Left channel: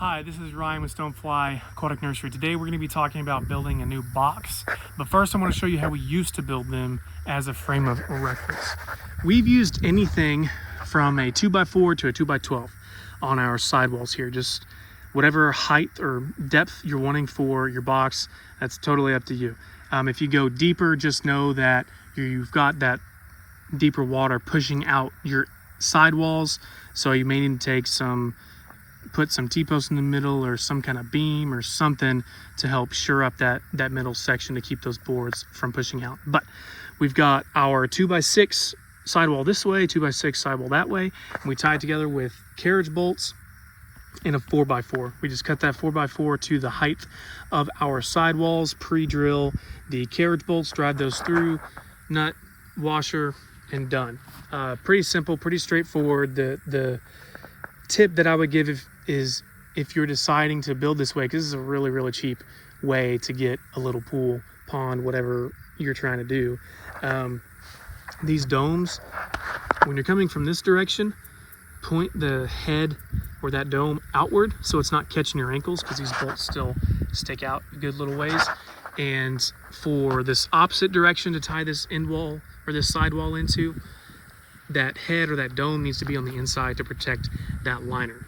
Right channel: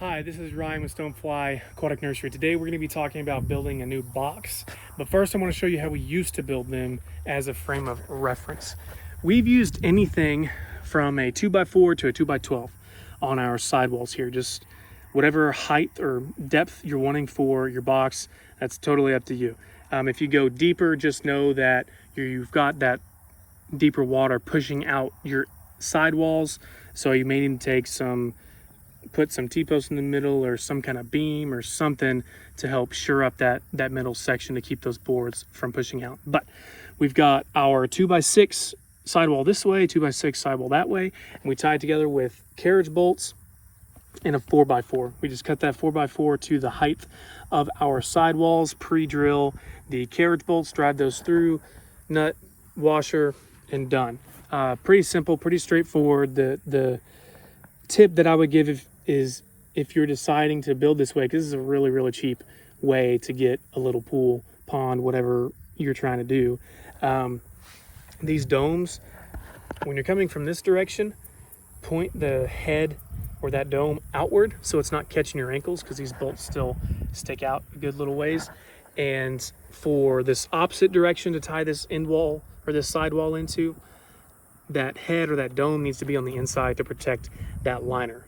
Hi, this is Ryan with Stonefly Aquatic Nursery. Today we're going to be talking about building a new box, but first I want to show you how we used to build them as a frame of reference. We've used anything from a 2x4 to a 2x12 on our sidewalls here, just whatever height or depth you're wanting for your box. That's totally up to you. If you go deeper, just know that you've got that deeper water pushing out your sidewalls, so you may need to put some T-posts in the middle or some kind of beam or something to help shore up that middle section to keep those boards from pushing out. But we've got our 2x6 sidewall this way, 2x6 sidewall that way, and we tie it together with carriage bolts and a 4x4. We just cut that 4x4 to the height of our sidewalls, pre-drill the carriage bolts, drive those through, nut, washer, and done. Pretty simple, pretty straightforward. The tip that I would give is if you're deciding to build this way, because this is a really cheap way to get a little pool, pond, whatever you're trying to do. These domes, when you're coming from this direction, point the head or that dome outward so it's not catching your ankles, because these bolts still stick out a good little ways. And for this opposite direction to tie this end wall or this sidewall into, that head or that dome needs to be on the inside to protect that liner.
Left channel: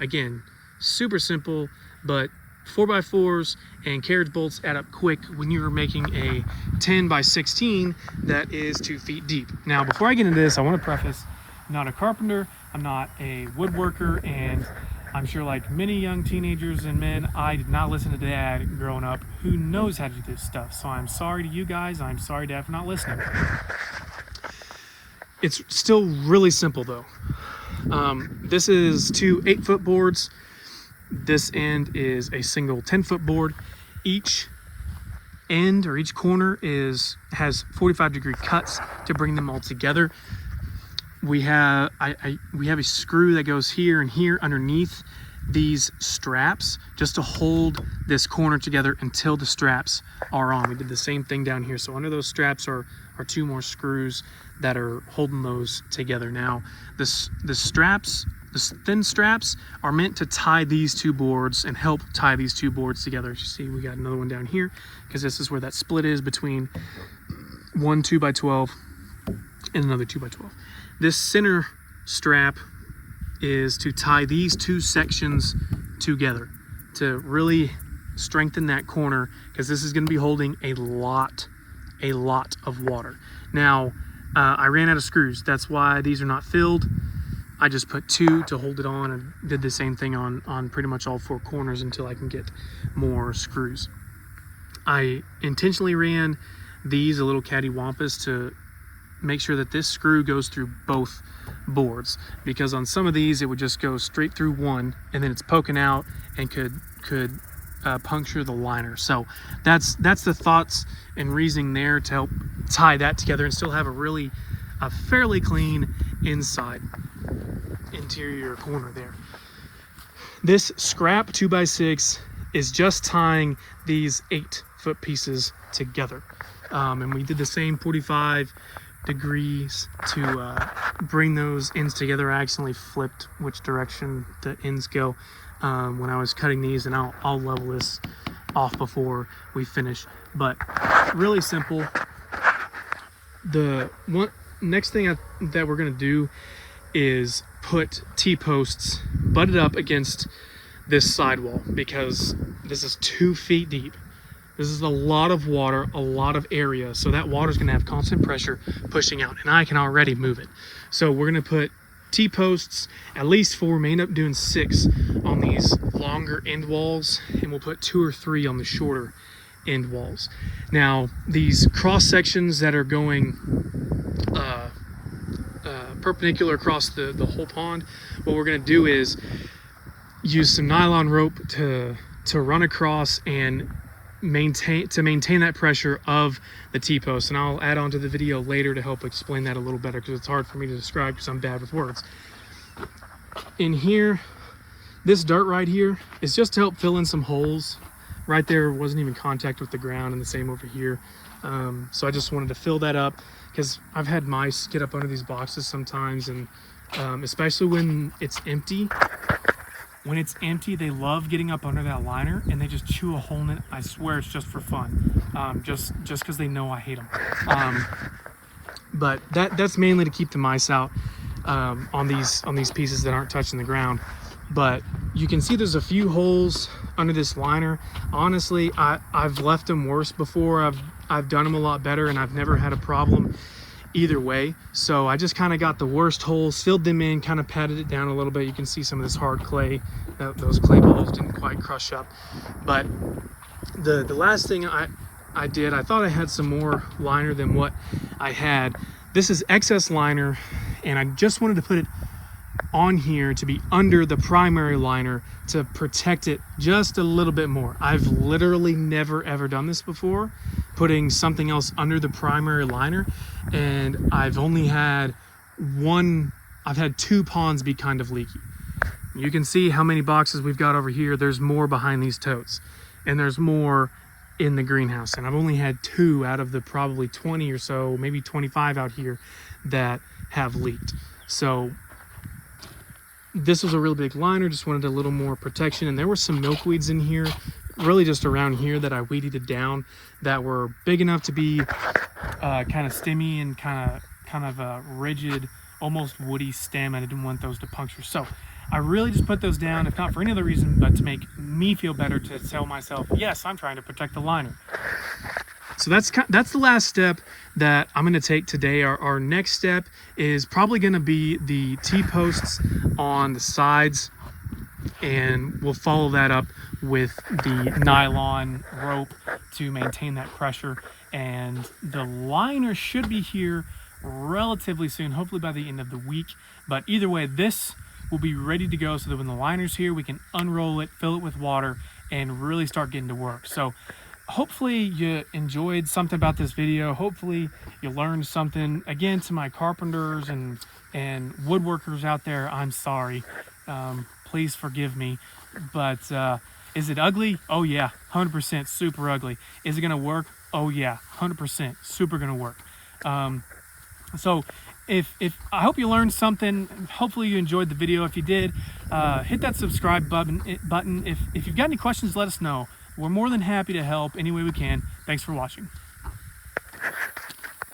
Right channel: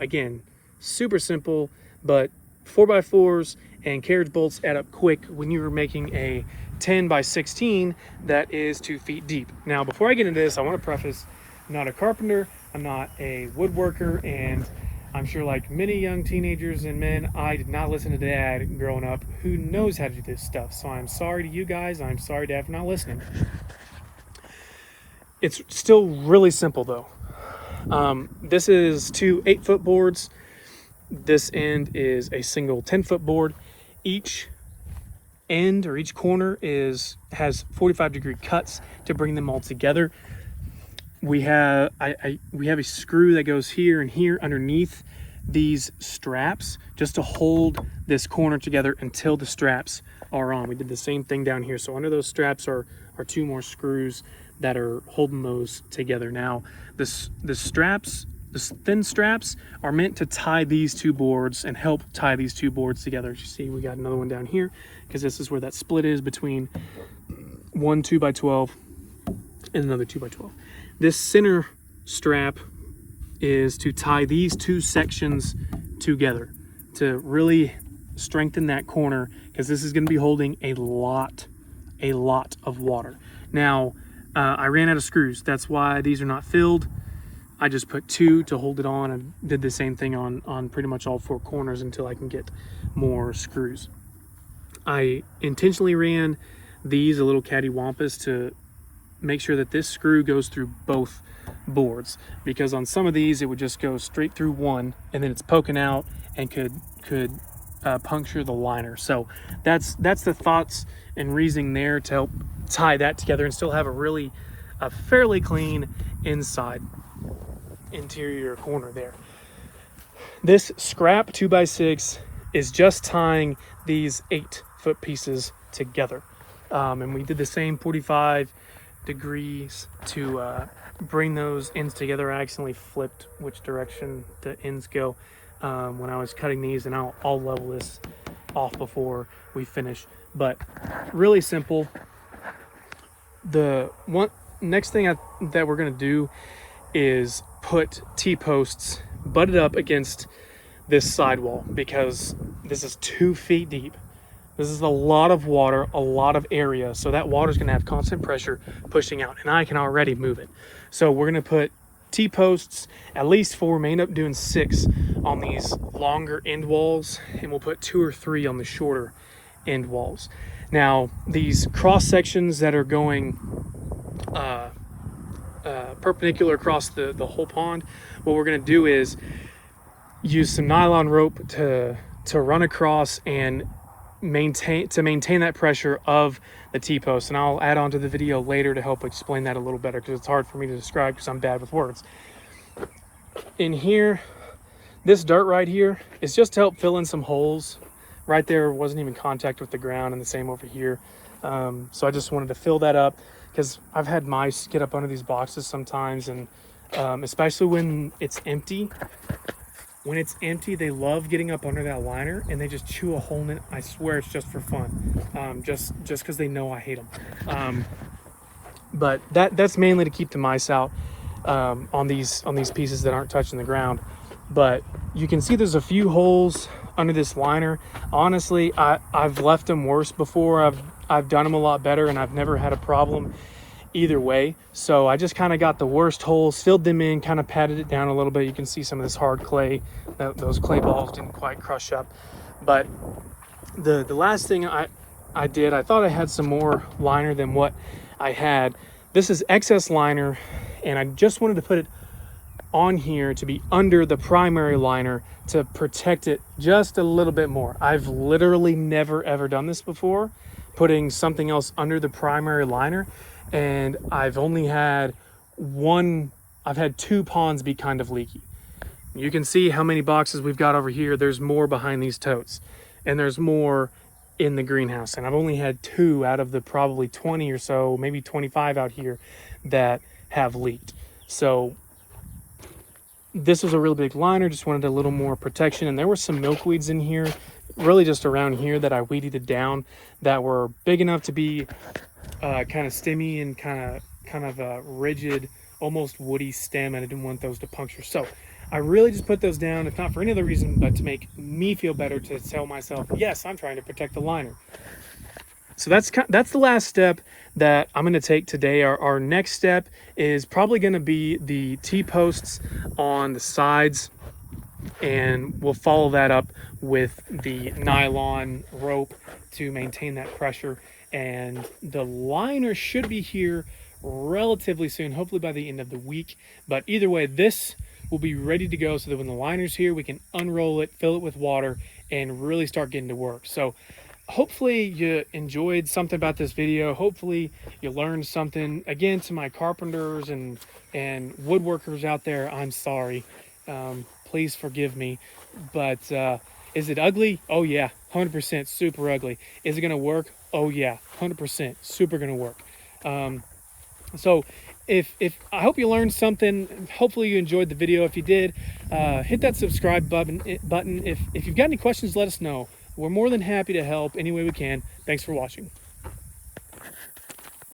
Again, super simple, but 4x4s and carriage bolts add up quick when you're making a 10x16 that is 2 feet deep. Now, before I get into this, I want to preface, I'm not a carpenter, I'm not a woodworker, and I'm sure like many young teenagers and men, I did not listen to Dad growing up who knows how to do this stuff. So I'm sorry to you guys, I'm sorry Dad for not listening. It's still really simple though. This is two 8-foot boards. This end is a single 10-foot board. Each end or each corner has 45-degree cuts to bring them all together. We have a screw that goes here and here underneath these straps just to hold this corner together until the straps are on. We did the same thing down here. So under those straps are 2 more screws that are holding those together. Now, the thin straps are meant to tie these 2 boards and help tie these 2 boards together. As you see, we got another one down here because this is where that split is between one 2x12 and another 2x12. This center strap is to tie these 2 sections together to really strengthen that corner, because this is going to be holding a lot of water. Now, I ran out of screws. That's why these are not filled. I just put 2 to hold it on and did the same thing on pretty much all 4 corners until I can get more screws. I intentionally ran these a little cattywampus to make sure that this screw goes through both boards, because on some of these it would just go straight through one and then it's poking out and could puncture the liner. So that's the thoughts and reasoning there to help tie that together and still have a fairly clean interior corner there. This scrap 2x6 is just tying these 8-foot pieces together, and we did the same 45 degrees to bring those ends together. I accidentally flipped which direction the ends go when I was cutting these, and I'll level this off before we finish. But really simple. The next thing that we're going to do is put T-posts butted up against this sidewall, because this is 2 feet deep. This is a lot of water, a lot of area, so that water is going to have constant pressure pushing out, and I can already move it. So we're going to put T-posts, at least 4, may end up doing 6 on these longer end walls, and we'll put 2 or 3 on the shorter end walls. Now, these cross sections that are going perpendicular across the whole pond, what we're going to do is use some nylon rope to run across and maintain that pressure of the T-post, and I'll add on to the video later to help explain that a little better, because it's hard for me to describe because I'm bad with words. In here, this dirt right here is just to help fill in some holes. Right there wasn't even contact with the ground, and the same over here. So I just wanted to fill that up, because I've had mice get up under these boxes sometimes, and especially when it's empty, When it's empty, they love getting up under that liner and they just chew a hole in it. I swear it's just for fun, just because they know I hate them. But that's mainly to keep the mice out on these pieces that aren't touching the ground. But you can see there's a few holes under this liner. Honestly, I've left them worse before. I've done them a lot better, and I've never had a problem either way. So I just kind of got the worst holes, filled them in, kind of patted it down a little bit. You can see some of this hard clay. Those clay balls didn't quite crush up. But the last thing I did, I thought I had some more liner than what I had. This is excess liner, and I just wanted to put it on here to be under the primary liner to protect it just a little bit more. I've literally never ever done this before, putting something else under the primary liner, and I've only had two ponds be kind of leaky. You can see how many boxes we've got over here. There's more behind these totes, and there's more in the greenhouse, and I've only had 2 out of the probably 20 or so, maybe 25 out here that have leaked. So this was a real big liner, just wanted a little more protection. And there were some milkweeds in here, really just around here, that I weeded it down, that were big enough to be kind of stemmy and kind of a rigid, almost woody stem, and I didn't want those to puncture. So I really just put those down, if not for any other reason, but to make me feel better, to tell myself, yes, I'm trying to protect the liner. So that's the last step that I'm going to take today. Our next step is probably going to be the T-posts on the sides, and we'll follow that up with the nylon rope to maintain that pressure. And the liner should be here relatively soon, hopefully by the end of the week. But either way, this will be ready to go so that when the liner's here, we can unroll it, fill it with water, and really start getting to work. So hopefully you enjoyed something about this video. Hopefully you learned something. Again, to my carpenters and woodworkers out there, I'm sorry. Please forgive me. But is it ugly? Oh yeah, 100% super ugly. Is it gonna work? Oh yeah, 100% super gonna work. So if I hope you learned something. Hopefully you enjoyed the video. If you did, hit that subscribe button. If you've got any questions, let us know. We're more than happy to help any way we can. Thanks for watching.